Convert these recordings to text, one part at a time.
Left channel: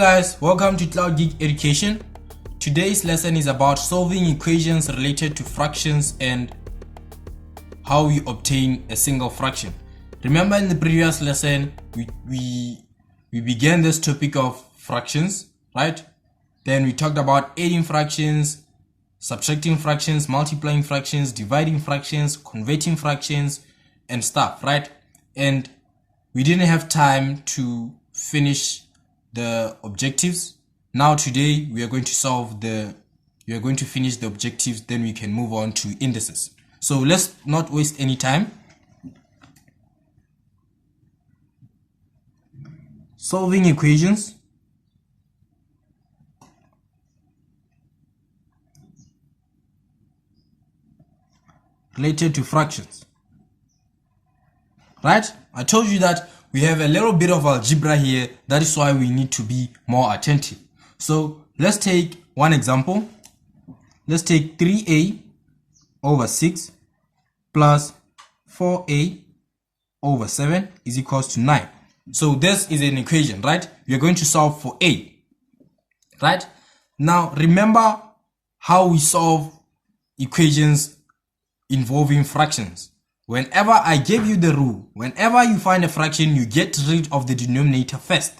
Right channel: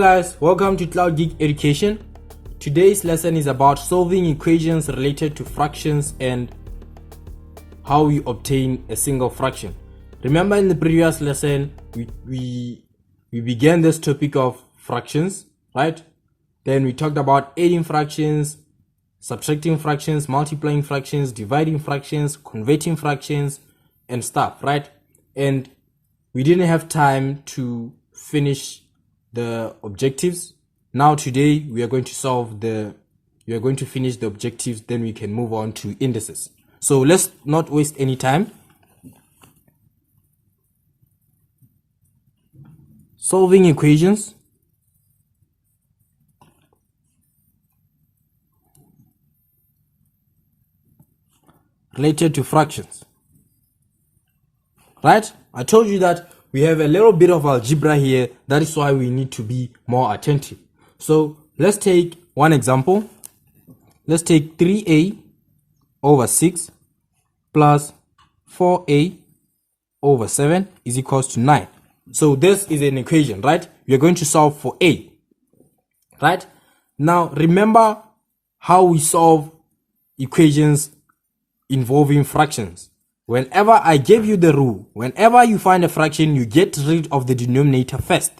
guys, welcome to Cloud Geek Education. Today's lesson is about solving equations related to fractions and how we obtain a single fraction. Remember in the previous lesson we began this topic of fractions, right? Then we talked about adding fractions, subtracting fractions, multiplying fractions, dividing fractions, converting fractions and stuff, right? And we didn't have time to finish the objectives. Now today we are going to finish the objectives, then we can move on to indices. So let's not waste any time. Solving equations related to fractions. Right? I told you that we have a little bit of algebra here. That is why we need to be more attentive. So let's take one example. Let's take 3a over 6 plus 4a over 7 is equals to 9. So this is an equation, right? We are going to solve for a. Right? Now remember how we solve equations involving fractions. Whenever I gave you the rule, whenever you find a fraction, you get rid of the denominator first.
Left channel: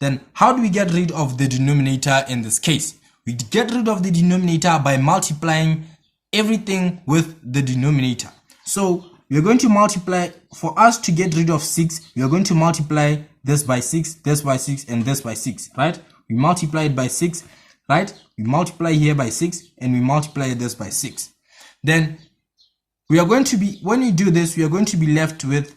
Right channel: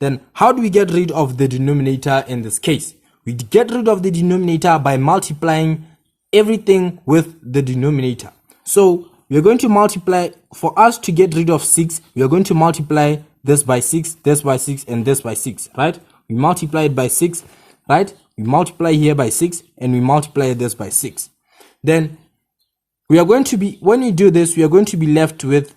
Then how do we get rid of the denominator in this case? We get rid of the denominator by multiplying everything with the denominator. So we are going to multiply. For us to get rid of 6, we are going to multiply this by 6, this by 6, and this by 6, right? We multiply it by 6, right? We multiply here by 6, and we multiply this by 6. Then we are going to be, when we do this, we are going to be left with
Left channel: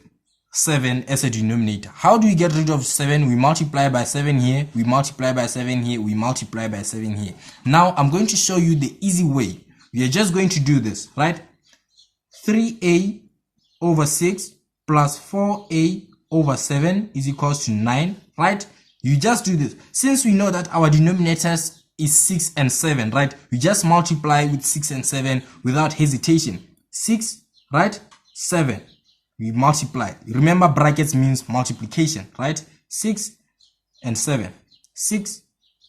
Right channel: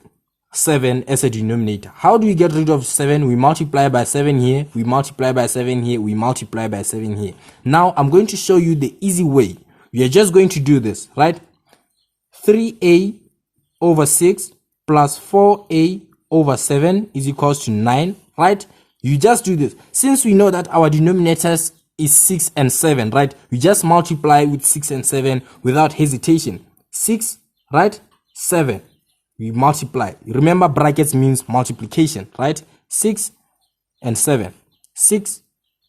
7 as a denominator. How do we get rid of 7? We multiply by 7 here, we multiply by 7 here, we multiply by 7 here. Now I'm going to show you the easy way. We are just going to do this, right? 3a over 6 plus 4a over 7 is equals to 9, right? You just do this. Since we know that our denominators is 6 and 7, right? We just multiply with 6 and 7 without hesitation. 6, right? 7. We multiply. Remember, brackets means multiplication, right? 6 and 7. 6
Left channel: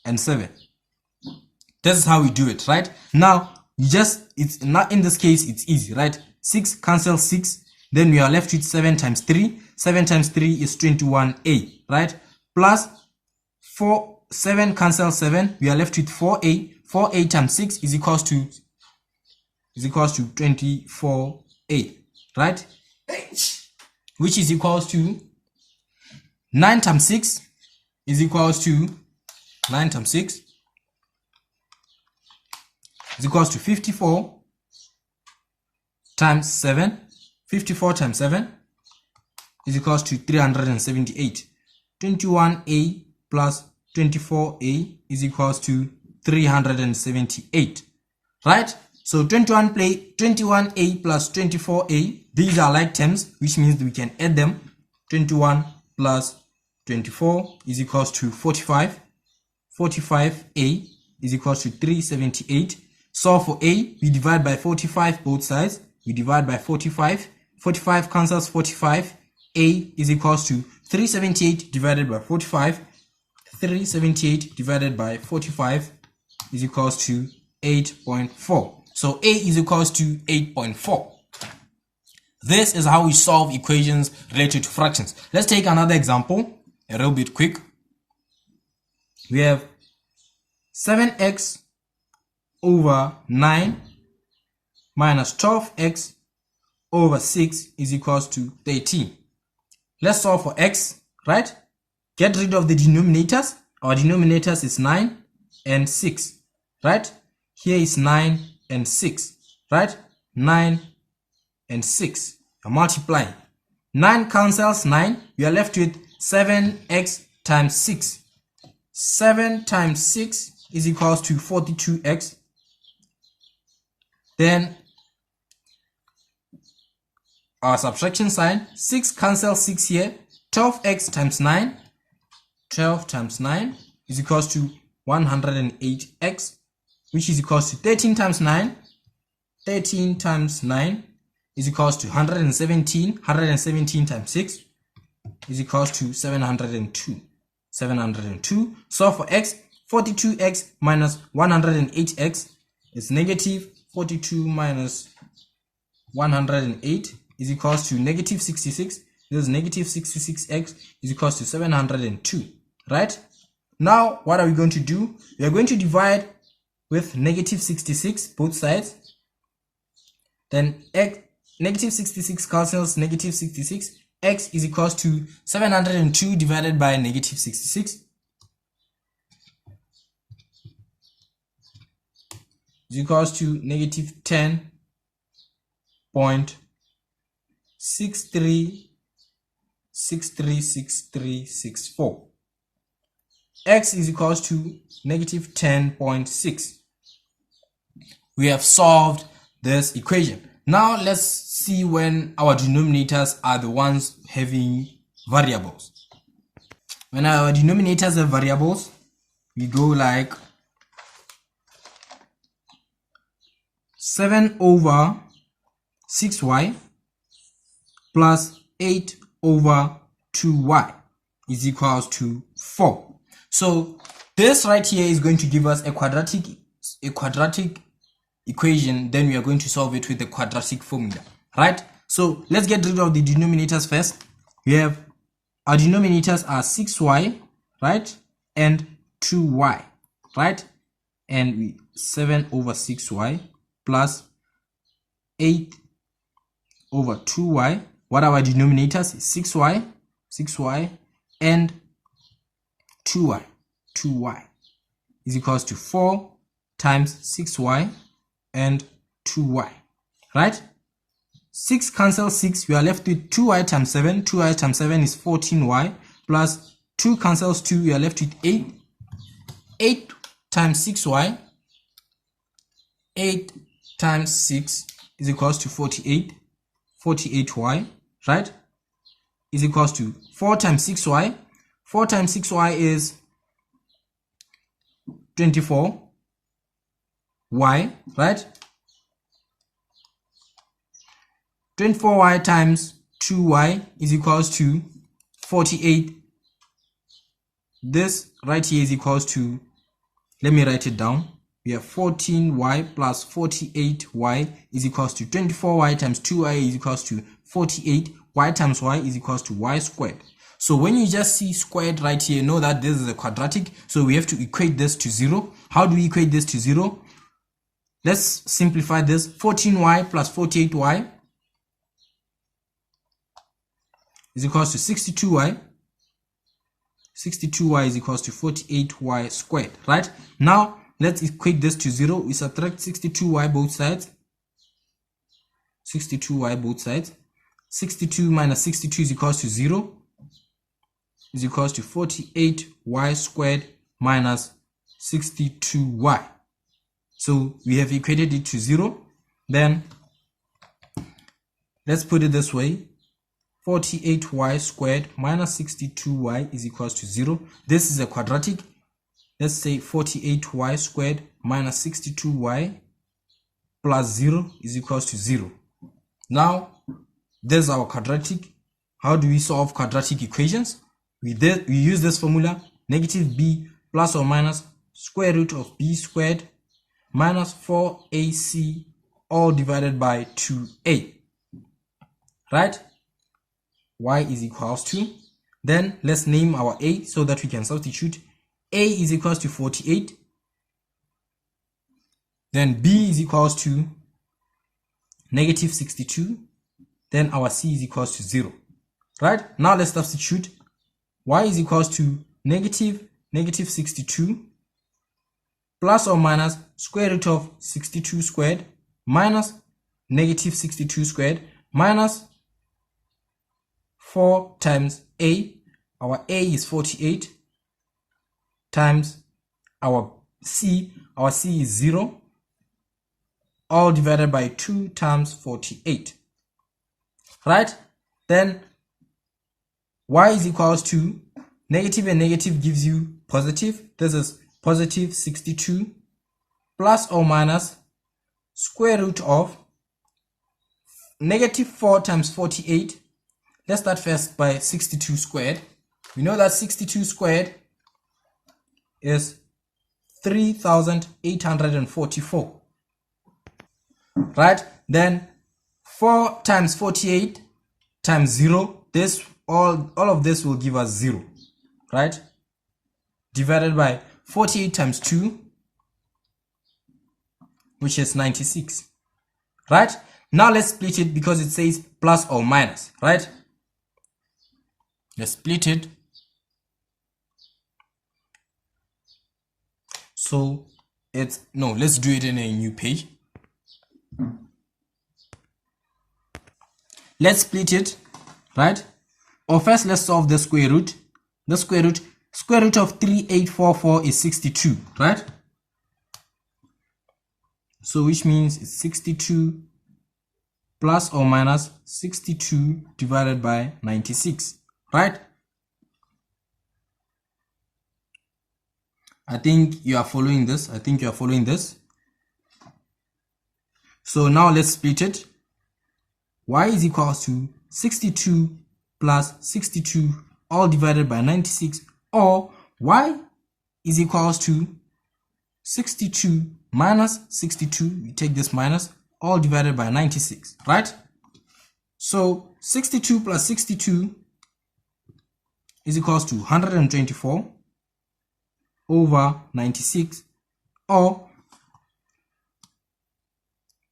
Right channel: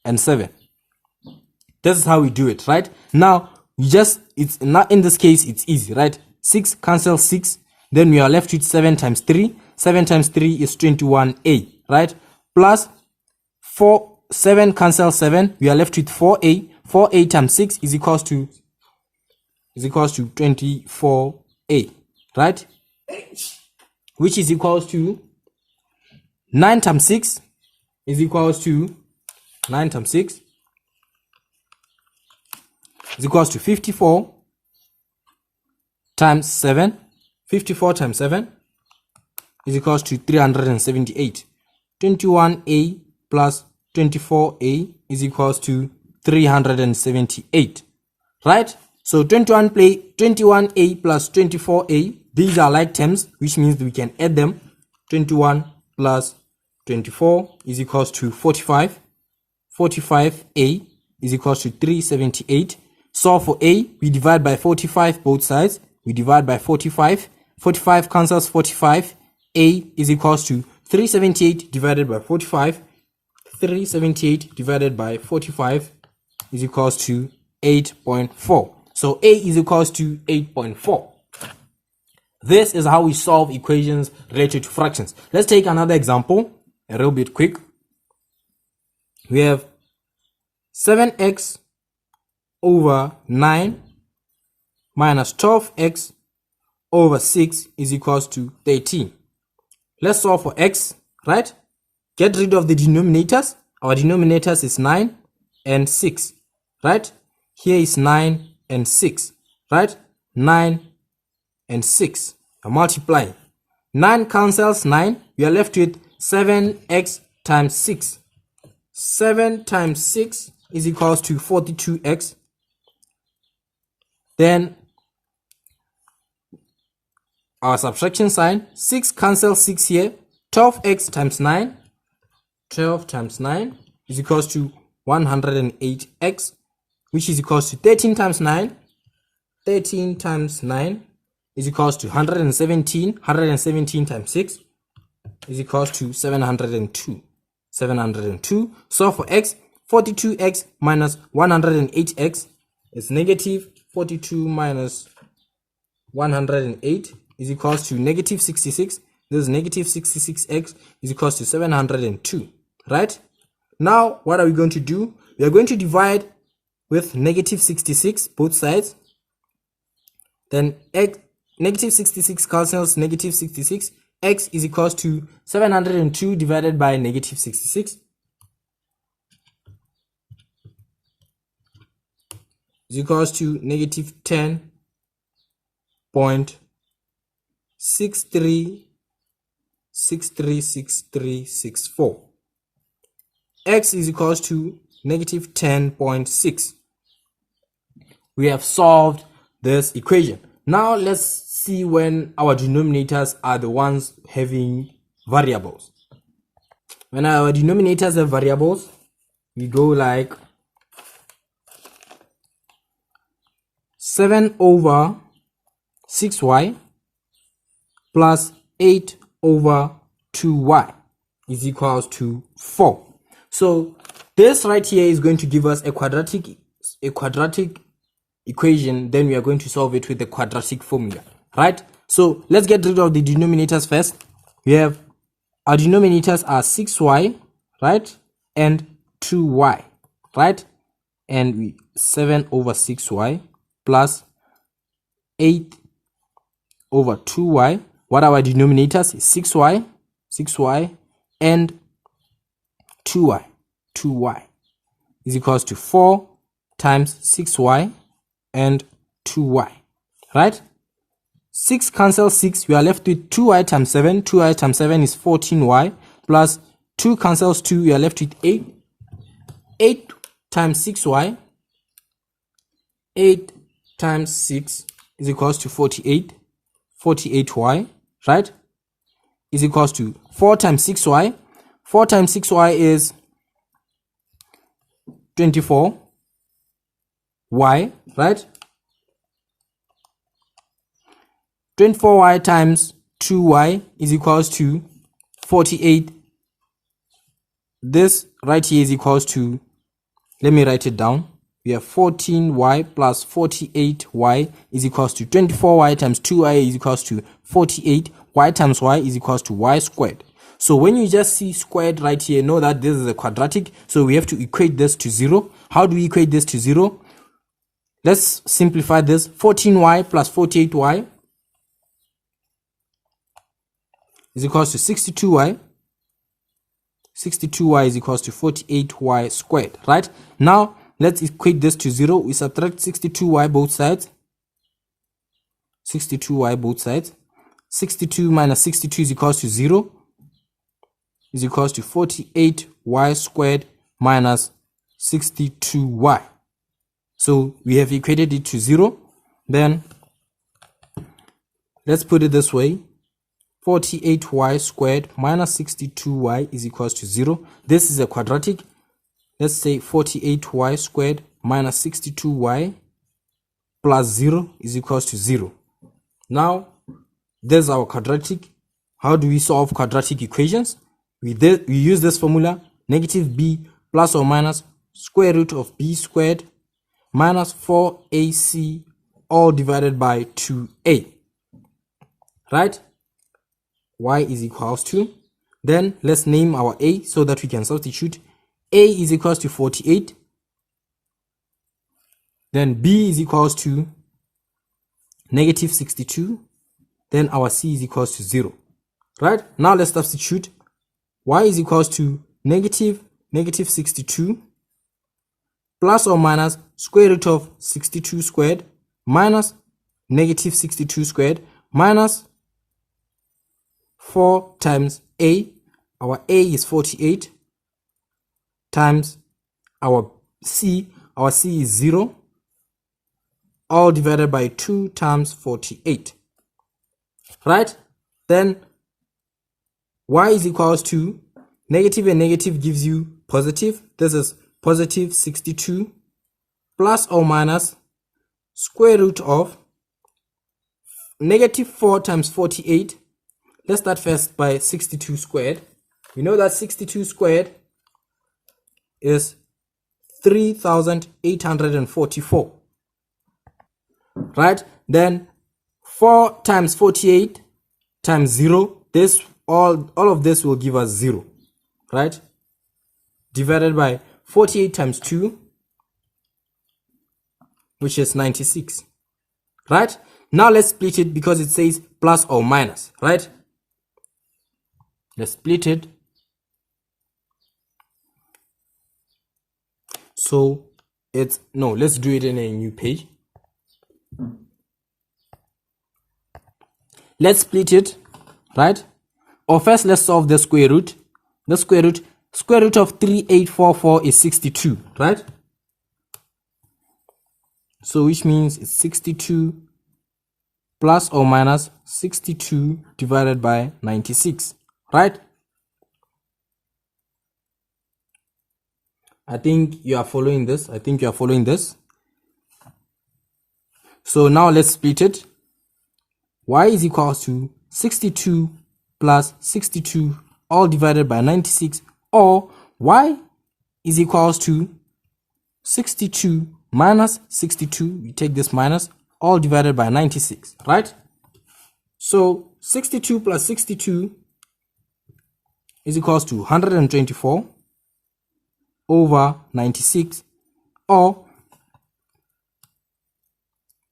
and 7. This is how we do it, right? Now, it's not, in this case, it's easy, right? 6 cancel 6. Then we are left with 7 times 3. 7 times 3 is 21a, right? Plus 7 cancel 7. We are left with 4a. 4a times 6 is equals to 24a, right? Which is equals to 9 times 6 is equals to 9 times 6 is equals to 54 times 7. 54 times 7 is equals to 378. 21a plus 24a is equals to 378, right? So 21a plus 24a, these are like terms, which means we can add them. 21 plus 24 is equals to 45. 45a is equals to 378. So for a, we divide by 45 both sides. We divide by 45. 45 cancels 45. A is equals to 378 divided by 45. 378 divided by 45 is equals to 8.4. So a is equals to 8.4. This is how we solve equations related to fractions. Let's take another example, a little bit quick. We have 7x over 9 minus 12x over 6 is equals to 13. Let's solve for x, right? Get rid of the denominators. Our denominators is 9 and 6, right? Here is 9 and 6, right? 9 and 6. I'm multiplying. 9 cancels 9. We are left with 7x times 6. 7 times 6 is equals to 42x. Then our subtraction sign. 6 cancels 6 here. 12x times 9. 12 times 9 is equals to 108x. Which is equals to 13 times 9. 13 times 9 is equals to 117. 117 times 6 is equals to 702. 702. Solve for x. 42x minus 108x is negative 42 minus 108 is equals to negative 66. This is negative 66x is equals to 702, right? Now, what are we going to do? We are going to divide with negative 66 both sides. Then negative 66 cancels negative 66. X is equals to 702 divided by negative 66 is equals to negative 10.63636364. X is equals to negative 10.6. We have solved this equation. Now let's see when our denominators are the ones having variables. When our denominators have variables, we go like 7 over 6y plus 8 over 2y is equals to 4. So this right here is going to give us a quadratic equation. Then we are going to solve it with the quadratic formula, right? So let's get rid of the denominators first. We have our denominators are 6y, right, and 2y, right, and we 7 over 6y plus 8 over 2y. What are our denominators? 6y and 2y is equals to 4 times 6y and 2y, right? 6 cancels 6, we are left with 2y times 7. 2y times 7 is 14y plus 2 cancels 2, we are left with 8. 8 times 6y, 8 times 6 is equals to 48. 48y, right, is equals to 4 times 6y. 4 times 6y is 24y, right? 24y times 2y is equals to 48. This right here is equals to, let me write it down. We have 14y plus 48y is equals to 24y times 2y is equals to 48. Y times y is equals to y squared. So when you just see squared right here, know that this is a quadratic. So we have to equate this to 0. How do we equate this to 0? Let's simplify this. 14y plus 48y is equals to 62y. 62y is equals to 48y squared, right? Now, let's equate this to 0. We subtract 62y both sides. 62y both sides. 62 minus 62 is equals to 0. Is equals to 48y squared minus 62y. So we have equated it to 0. Then let's put it this way. 48y squared minus 62y is equals to 0. This is a quadratic. Let's say 48y squared minus 62y plus 0 is equals to 0. Now, there's our quadratic. How do we solve quadratic equations? We use this formula, negative b plus or minus square root of b squared minus 4ac all divided by 2a, right? Y is equals to, then let's name our a so that we can substitute. A is equals to 48, then b is equals to negative 62, then our c is equals to 0, right? Now let's substitute. Y is equals to negative 62 plus or minus square root of 62 squared minus negative 62 squared minus 4 times a. Our a is 48 times our c is 0 all divided by 2 times 48, right? Then y is equals to negative and negative gives you positive. This is positive 62 plus or minus square root of negative 4 times 48. Let's start first by 62 squared. We know that 62 squared is 3,844. Right? Then 4 times 48 times 0, this all of this will give us 0. Right? Divided by 48 times 2, which is 96. Right? Now let's split it because it says plus or minus. Right? Let's split it. So it's no, let's do it in a new page. Let's split it, right? Or first let's solve the square root. The square root of 3844 is 62, right? So which means it's 62 plus or minus 62 divided by 96, right? I think you are following this. So now let's split it. Y is equals to 62 plus 62 all divided by 96, or y is equals to 62 minus 62, we take this minus, all divided by 96, right? So 62 plus 62 is equals to 124 over 96, or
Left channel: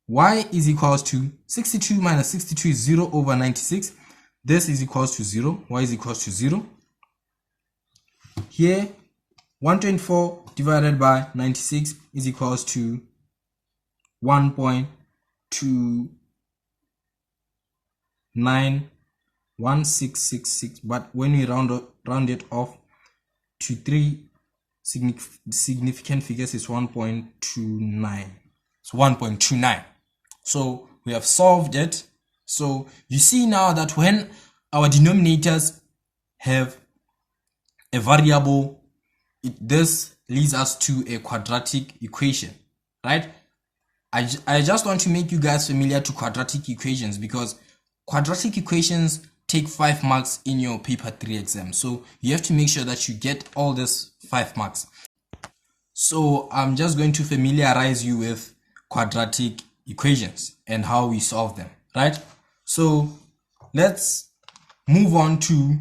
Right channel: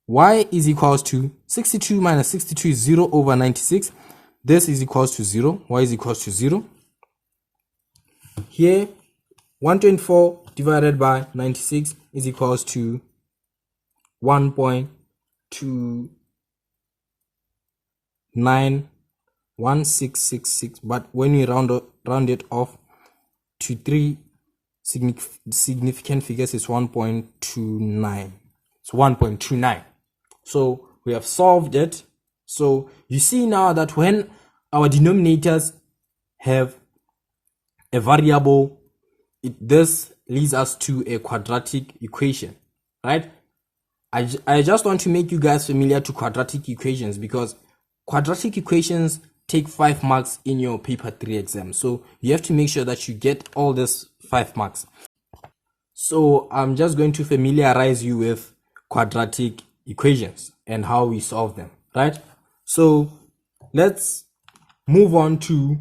y is equals to 62 minus 62 is 0 over 96. This is equals to 0. Y is equals to 0. Here, 124 divided by 96 is equals to 1.291666. But when we round it off to 3 significant figures, it's 1.29. It's 1.29. So we have solved it. So you see now that when our denominators have a variable, this leads us to a quadratic equation, right? I just want to make you guys familiar to quadratic equations, because quadratic equations take 5 marks in your paper 3 exam. So you have to make sure that you get all this 5 marks. So I'm just going to familiarize you with quadratic equations and how we solve them, right? So let's move on to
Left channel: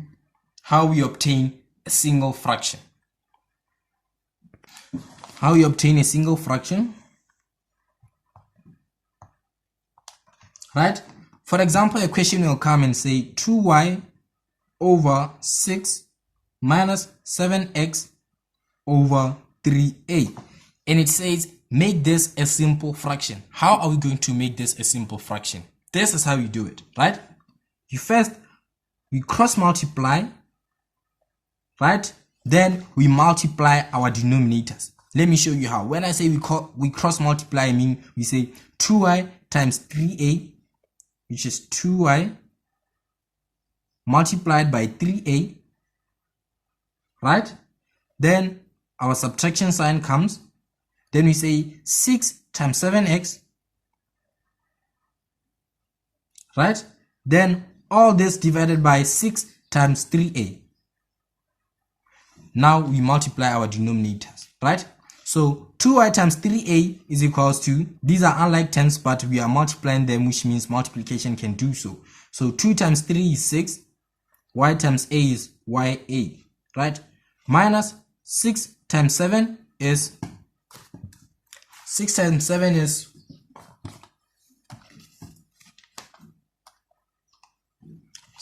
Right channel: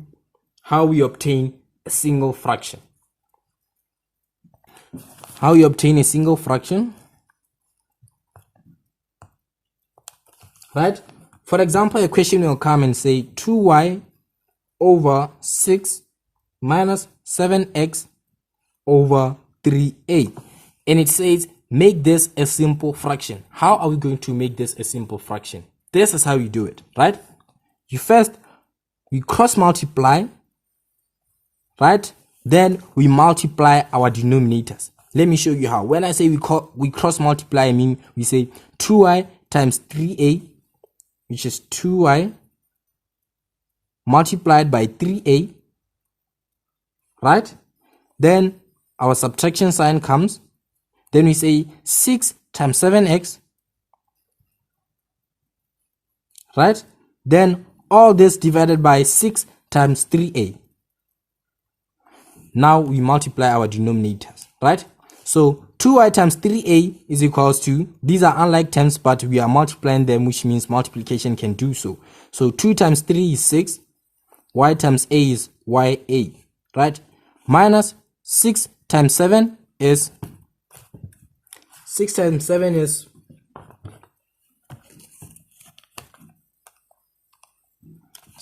how we obtain a single fraction. How you obtain a single fraction, right? For example, a question will come and say 2y over 6 minus 7x over 3a, and it says make this a simple fraction. How are we going to make this a simple fraction? This is how you do it, right? We cross multiply, right? Then we multiply our denominators. Let me show you how. When I say we cross multiply, I mean we say 2y times 3a, which is 2y multiplied by 3a, right? Then our subtraction sign comes. Then we say 6 times 7x, right? Then all this divided by 6 times 3a. Now we multiply our denominators, right? So 2y times 3a is equals to, these are unlike terms, but we are multiplying them, which means multiplication can do so. So 2 times 3 is 6, y times a is ya, right? Minus 6 times 7 is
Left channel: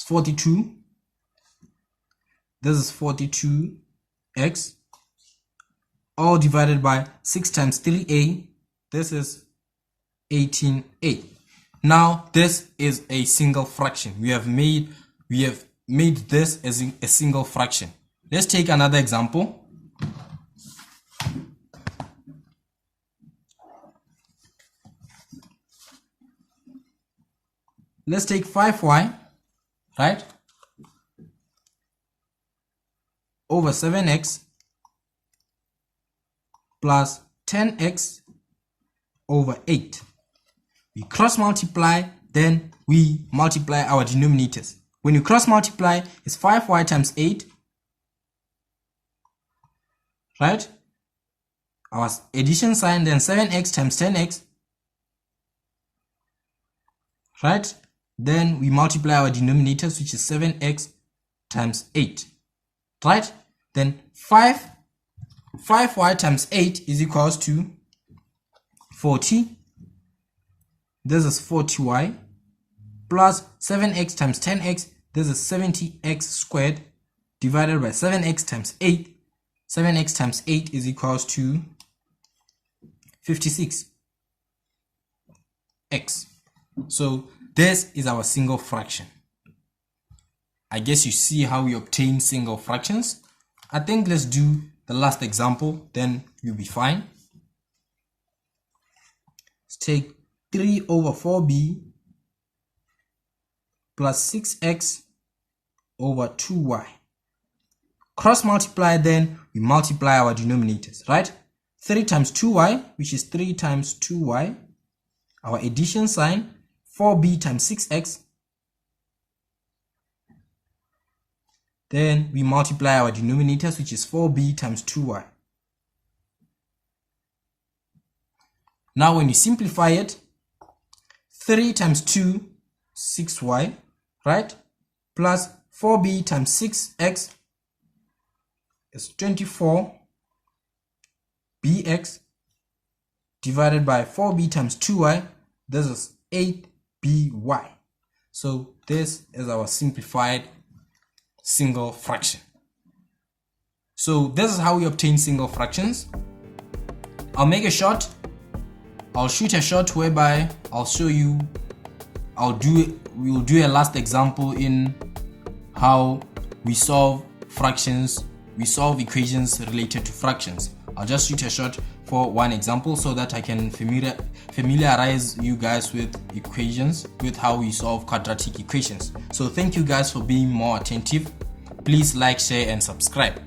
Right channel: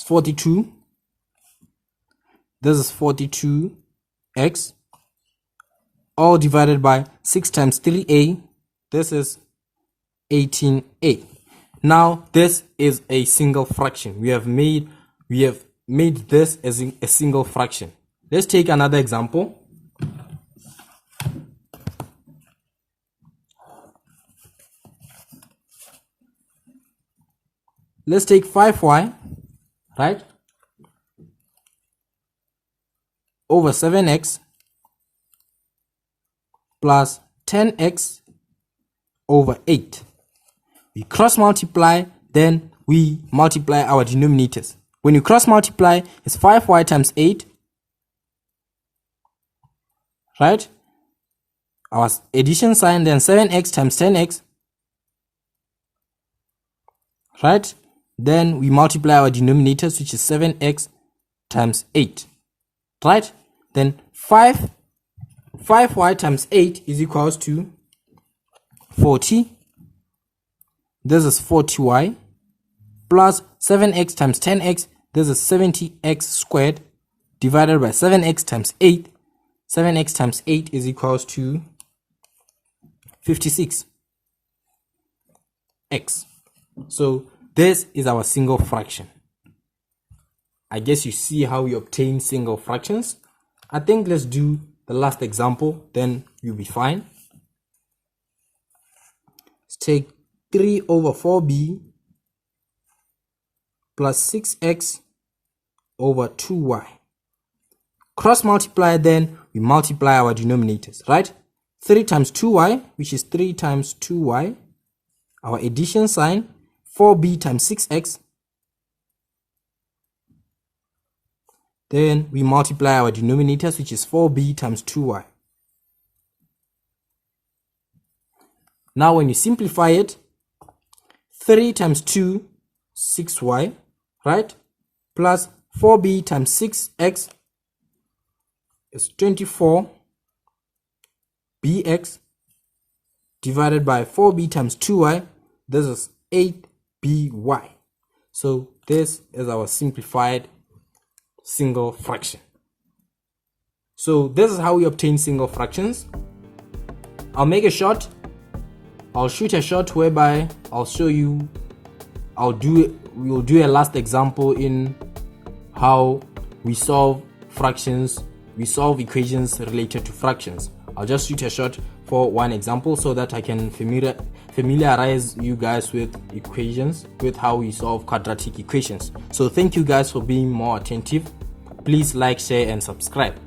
42. This is 42x, all divided by 6 times 3a. This is 18a. Now this is a single fraction. We have made this as a single fraction. Let's take another example. Let's take 5y, right, over 7x plus 10x over 8. We cross multiply, then we multiply our denominators. When you cross multiply, it's 5y times 8, right? our addition sign, then 7x times 10x, right? Then we multiply our denominators, which is 7x times 8, right? Then 5y times 8 is equals to 40. This is 40y plus 7x times 10x. This is 70x squared divided by 7x times 8. 7x times 8 is equals to 56x. So this is our single fraction. I guess you see how we obtain single fractions. I think let's do the last example, then you'll be fine. Let's take 3 over 4b plus 6x over 2y. Cross multiply, then we multiply our denominators, right? 3 times 2y, which is 3 times 2y. Our addition sign, 4b times 6x. Then we multiply our denominators, which is 4b times 2y. Now when you simplify it, 3 times 2, 6y, right? Plus 4b times 6x is 24bx divided by 4b times 2y. This is 8by. So this is our simplified single fraction. So this is how we obtain single fractions. I'll shoot a shot whereby I'll show you, we'll do a last example in how we solve fractions, we solve equations related to fractions. I'll just shoot a shot for one example so that I can familiarize you guys with equations, with how we solve quadratic equations. So thank you guys for being more attentive. Please like, share and subscribe.